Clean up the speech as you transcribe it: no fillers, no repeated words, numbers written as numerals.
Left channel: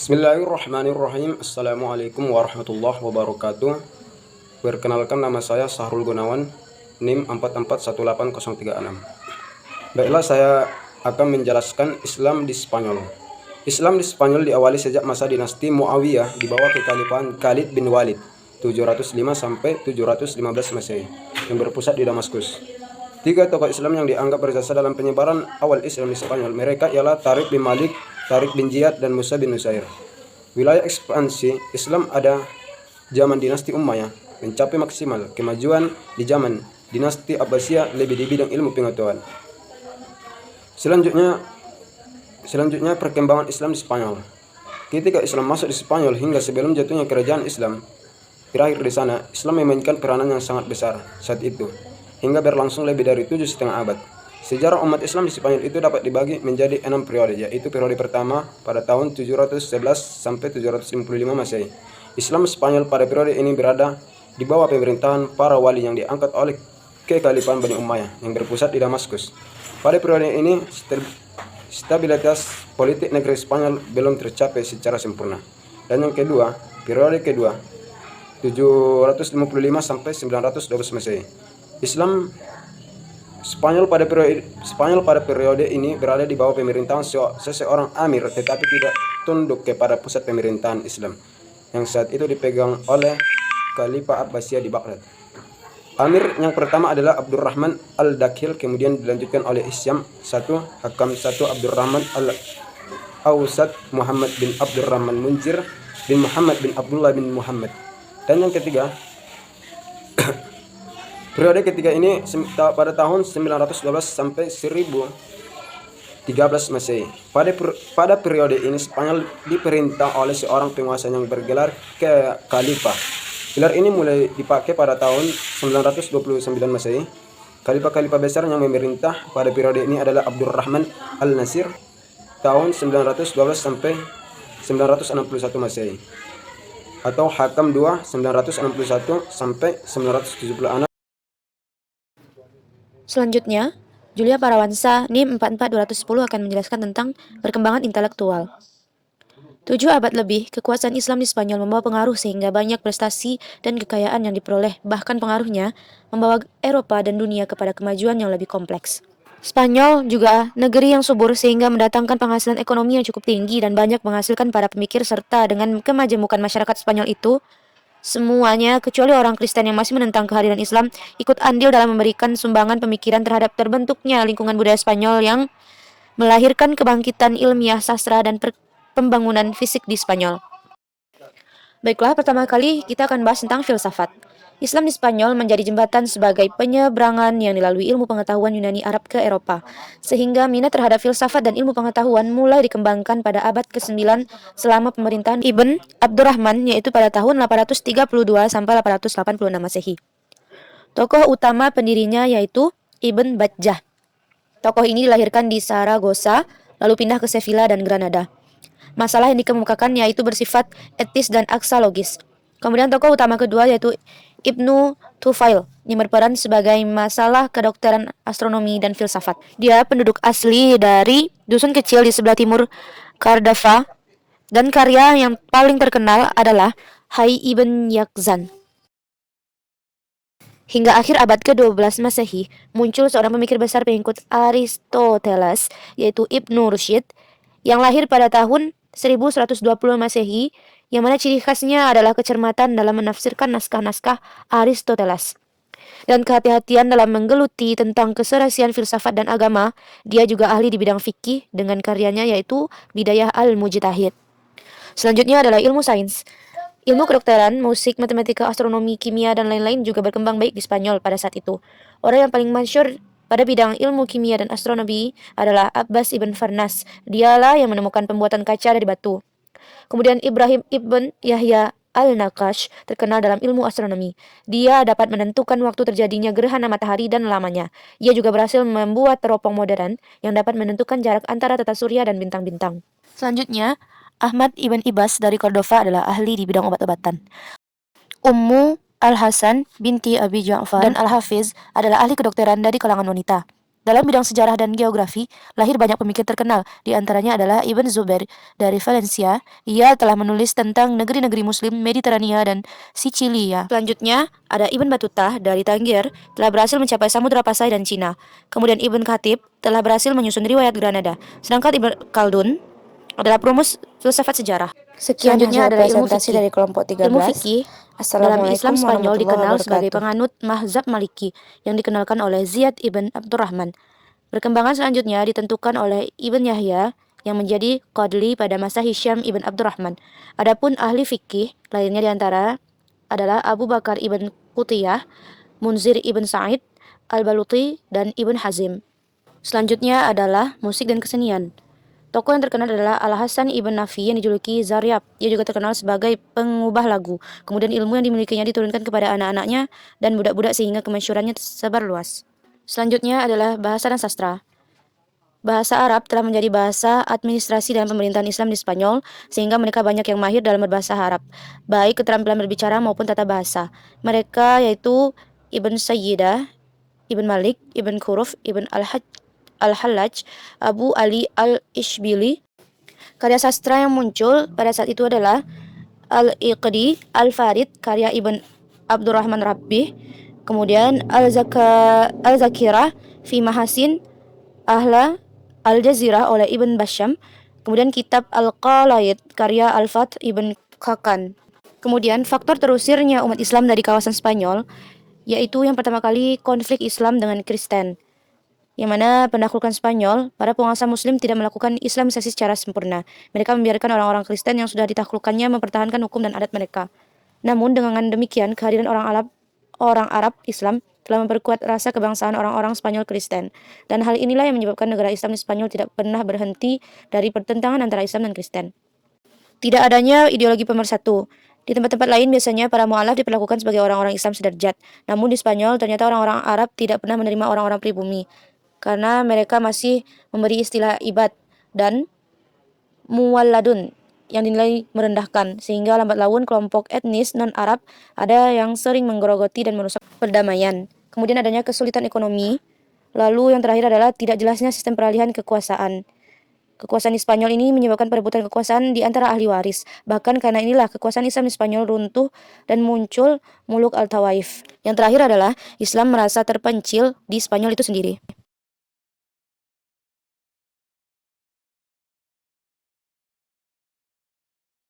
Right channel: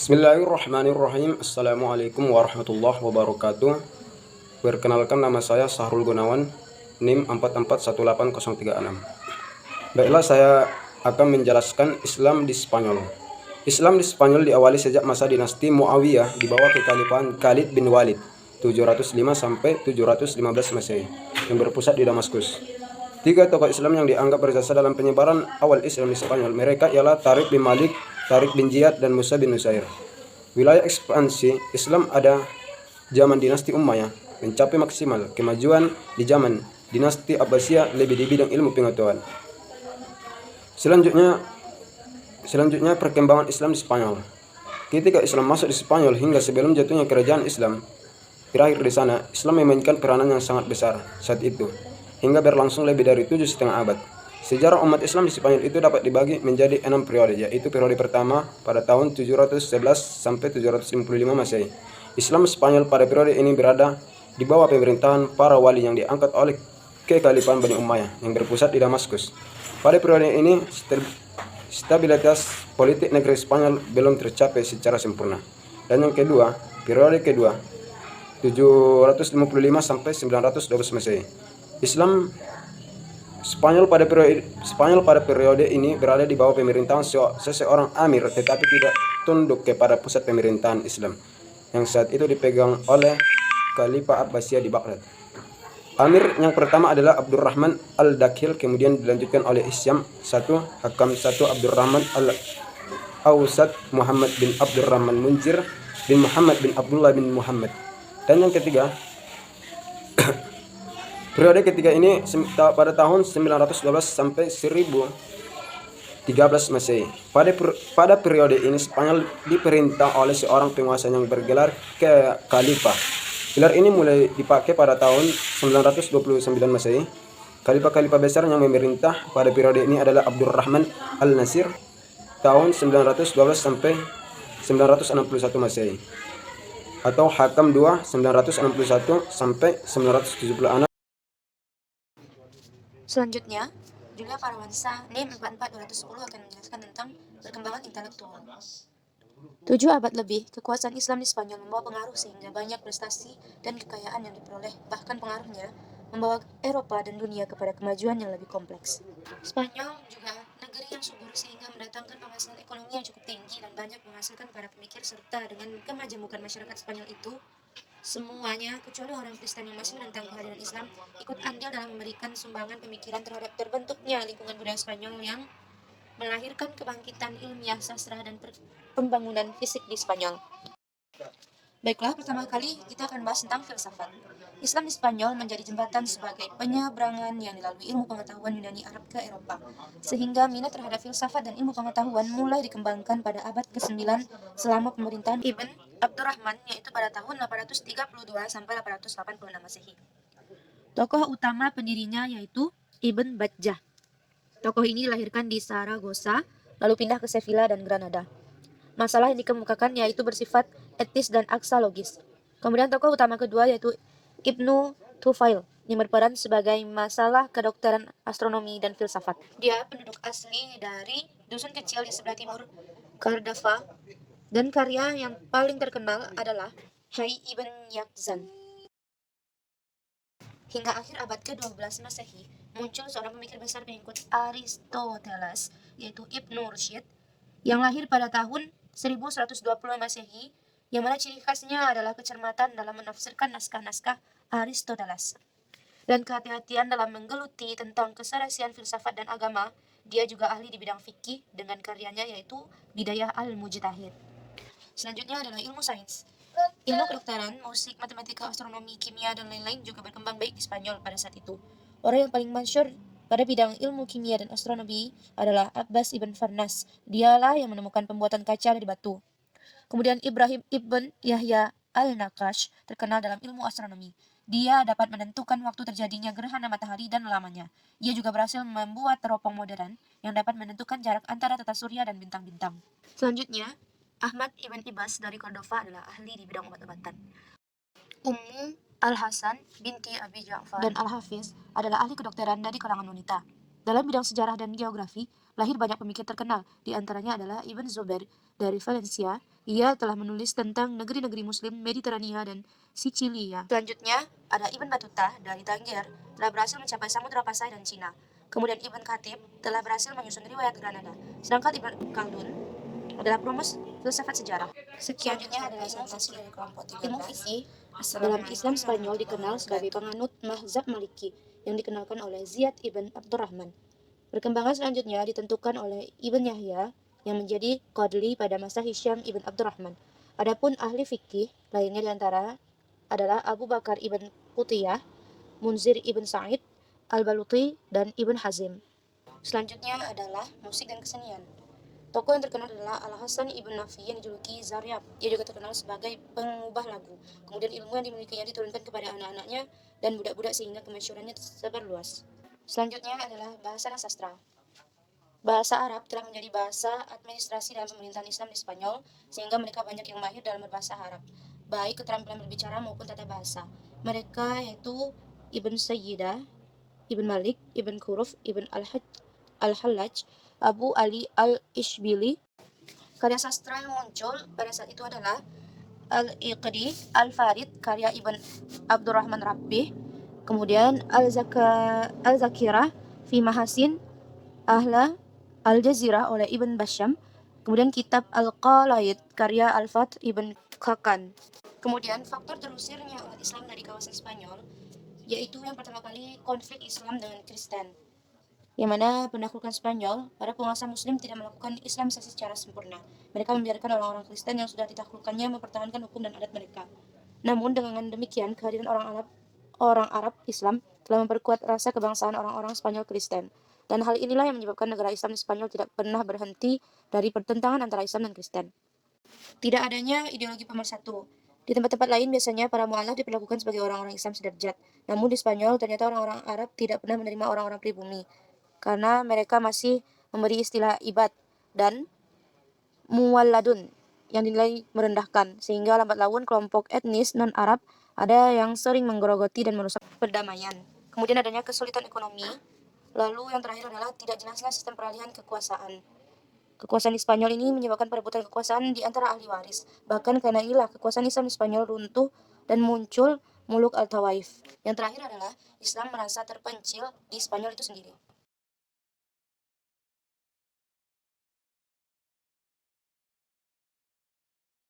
Bismillahirrahmanirrahim. Assalamualaikum warahmatullahi wabarakatuh. Perkenalkan, nama saya Sahrul Gunawan, NIM 44180366. Baiklah, saya akan menjelaskan Islam di Spanyol. Islam di Spanyol diawali sejak masa dinasti Muawiyah di bawah kekhalifahan Khalid bin Walid 705 sampai 715 Masehi yang berpusat di Damaskus. Tiga tokoh Islam yang dianggap berjasa dalam penyebaran awal Islam di Spanyol, mereka ialah Tariq bin Malik, Tariq bin Ziyad, dan Musa bin Nusair. Wilayah ekspansi Islam ada zaman dinasti Umayyah mencapai maksimal. Kemajuan di zaman dinasti Abbasiyah lebih di bidang ilmu pengetahuan. Selanjutnya perkembangan Islam di Spanyol. Ketika Islam masuk di Spanyol hingga sebelum jatuhnya kerajaan Islam berakhir di sana, Islam memainkan peranan yang sangat besar saat itu hingga berlangsung lebih dari 7,5 abad. Sejarah umat Islam di Spanyol itu dapat dibagi menjadi 6 periode, yaitu periode pertama pada tahun 711 sampai 755 Masehi. Islam Spanyol pada periode ini berada di bawah pemerintahan para wali yang diangkat oleh kekhalifahan Bani Umayyah yang berpusat di Damaskus. Pada periode ini stabilitas politik negeri Spanyol belum tercapai secara sempurna. Dan yang kedua, periode kedua 755 sampai 912 Masehi. Spanyol pada periode ini berada di bawah pemerintahan seseorang amir, tetapi tidak tunduk kepada pusat pemerintahan Islam yang saat itu dipegang oleh Khalifah Abbasiyah di Baghdad. Amir yang pertama adalah Abdurrahman al-Dakhil, kemudian dilanjutkan oleh Isyam I, Hakam I, Abdurrahman al-Awsat, Muhammad bin Abdurrahman Munzir bin Muhammad bin Abdullah bin Muhammad. Dan yang ketiga, periode ketiga ini pada tahun 912 sampai 1013 Masehi. Pada periode ini Spanyol diperintah oleh seorang penguasa yang bergelar Khalifah. Gelar ini mulai dipakai pada tahun 929 Masehi. Khalifah besar yang memerintah pada periode ini adalah Abdurrahman al-Nasir tahun 912 sampai 961 Masehi, atau Hakam II 961 sampai 976. Selanjutnya, Julia Parawansa NIM 44210 akan menjelaskan tentang perkembangan intelektual. 7 abad lebih, kekuasaan Islam di Spanyol membawa pengaruh sehingga banyak prestasi dan kekayaan yang diperoleh, bahkan pengaruhnya membawa Eropa dan dunia kepada kemajuan yang lebih kompleks. Spanyol juga negeri yang subur sehingga mendatangkan penghasilan ekonomi yang cukup tinggi dan banyak menghasilkan para pemikir, serta dengan kemajemukan masyarakat Spanyol itu, semuanya kecuali orang Kristen yang masih menentang kehadiran Islam ikut andil dalam memberikan sumbangan pemikiran terhadap terbentuknya lingkungan budaya Spanyol yang melahirkan kebangkitan ilmiah, sastra, dan pembangunan fisik di Spanyol. Baiklah, pertama kali kita akan bahas tentang filsafat. Islam di Spanyol menjadi jembatan sebagai penyeberangan yang dilalui ilmu pengetahuan Yunani Arab ke Eropa, sehingga minat terhadap filsafat dan ilmu pengetahuan mulai dikembangkan pada abad ke-9 selama pemerintahan Ibn Abdurrahman, yaitu pada tahun 832 sampai 886 Masehi. Tokoh utama pendirinya yaitu Ibn Bajjah. Tokoh ini dilahirkan di Saragossa, lalu pindah ke Sevilla dan Granada. Masalah yang dikemukakan yaitu bersifat etis dan aksalogis. Kemudian tokoh utama kedua yaitu Ibnu Tufail yang berperan sebagai masalah kedokteran, astronomi, dan filsafat. Dia penduduk asli dari dusun kecil di sebelah timur Cardaffa, dan karya yang paling terkenal adalah Hayy Ibn Yaqzan. Hingga akhir abad ke-12 Masehi, muncul seorang pemikir besar pengikut Aristoteles, yaitu Ibnu Rushd, yang lahir pada tahun 1120 Masehi, yang mana ciri khasnya adalah kecermatan dalam menafsirkan naskah-naskah Aristoteles dan kehati-hatian dalam menggeluti tentang keserasian filsafat dan agama. Dia juga ahli di bidang fikih dengan karyanya yaitu Bidayah al-Mujtahid. Selanjutnya adalah ilmu sains. Ilmu kedokteran, musik, matematika, astronomi, kimia, dan lain-lain juga berkembang baik di Spanyol pada saat itu. Orang yang paling masyhur pada bidang ilmu kimia dan astronomi adalah Abbas ibn Farnas. Dialah yang menemukan pembuatan kaca dari batu. Kemudian Ibrahim ibn Yahya al-Naqash terkenal dalam ilmu astronomi. Dia dapat menentukan waktu terjadinya gerhana matahari dan lamanya. Ia juga berhasil membuat teropong modern yang dapat menentukan jarak antara tata surya dan bintang-bintang. Selanjutnya, Ahmad ibn Ibas dari Cordova adalah ahli di bidang obat-obatan. Ummu Al-Hasan binti Abi Ja'far dan Al-Hafiz adalah ahli kedokteran dari kalangan wanita. Dalam bidang sejarah dan geografi, lahir banyak pemikir terkenal, di antaranya adalah Ibn Zubair dari Valencia. Ia telah menulis tentang negeri-negeri Muslim Mediterania dan Sicilia. Selanjutnya, ada Ibn Battuta dari Tangier, telah berhasil mencapai Samudra Pasai dan Cina. Kemudian Ibn Khatib telah berhasil menyusun riwayat Granada. Sedangkan Ibn Khaldun adalah perumus filsafat sejarah. Selanjutnya adalah ilmu fikih dari kelompok 13. Ilmu fikih dalam Islam Spanyol dikenal sebagai penganut mazhab Maliki yang dikenalkan oleh Ziyad ibn Abdurrahman. Perkembangan selanjutnya ditentukan oleh Ibn Yahya yang menjadi qadli pada masa Hisham ibn Abdurrahman. Adapun ahli fikih lainnya diantara adalah Abu Bakar ibn Qutiyah, Munzir ibn Sa'id, Al-Baluti, dan Ibn Hazim. Selanjutnya adalah musik dan kesenian. Tokoh yang terkenal adalah Al-Hasan ibn Nafi yang dijuluki Zaryab. Ia juga terkenal sebagai pengubah lagu. Kemudian ilmu yang dimilikinya diturunkan kepada anak-anaknya dan budak-budak sehingga kemasyhurannya tersebar luas. Selanjutnya adalah bahasa dan sastra. Bahasa Arab telah menjadi bahasa administrasi dalam pemerintahan Islam di Spanyol, sehingga mereka banyak yang mahir dalam berbahasa Arab, baik keterampilan berbicara maupun tata bahasa. Mereka yaitu Ibn Sayyidah, Ibn Malik, Ibn Khuruf, Ibn Al-Hallaj, Abu Ali Al-Ishbili. Karya sastra yang muncul pada saat itu adalah Al-Iqdi, Al-Farid, karya Ibn Abdurrahman Rabbih, kemudian Al-Zakirah, Fi Mahasin, Ahla, Al-Jazirah oleh Ibn Basham, kemudian kitab Al-Qalaid, karya Al-Fath Ibn Khakan. Kemudian faktor terusirnya umat Islam dari kawasan Spanyol, yaitu yang pertama kali konflik Islam dengan Kristen, yang mana penaklukan Spanyol, para penguasa Muslim tidak melakukan Islamisasi secara sempurna. Mereka membiarkan orang-orang Kristen yang sudah ditaklukkannya mempertahankan hukum dan adat mereka. Namun dengan demikian, kehadiran orang Arab Islam telah memperkuat rasa kebangsaan orang-orang Spanyol Kristen. Dan hal inilah yang menyebabkan negara Islam di Spanyol tidak pernah berhenti dari pertentangan antara Islam dan Kristen. Tidak adanya ideologi pemersatu. Di tempat-tempat lain biasanya para mu'alaf diperlakukan sebagai orang-orang Islam sederajat. Namun di Spanyol ternyata orang-orang Arab tidak pernah menerima orang-orang pribumi, karena mereka masih memberi istilah ibad dan muwalladun yang dinilai merendahkan, sehingga lambat laun kelompok etnis non-Arab ada yang sering menggerogoti dan merusak perdamaian. Kemudian adanya kesulitan ekonomi. Lalu yang terakhir adalah tidak jelasnya sistem peralihan kekuasaan. Kekuasaan di Spanyol ini menyebabkan perebutan kekuasaan di antara ahli waris. Bahkan karena inilah kekuasaan Islam di Spanyol runtuh dan muncul Muluk al-Tawaif. Yang terakhir adalah Islam merasa terpencil di Spanyol itu sendiri.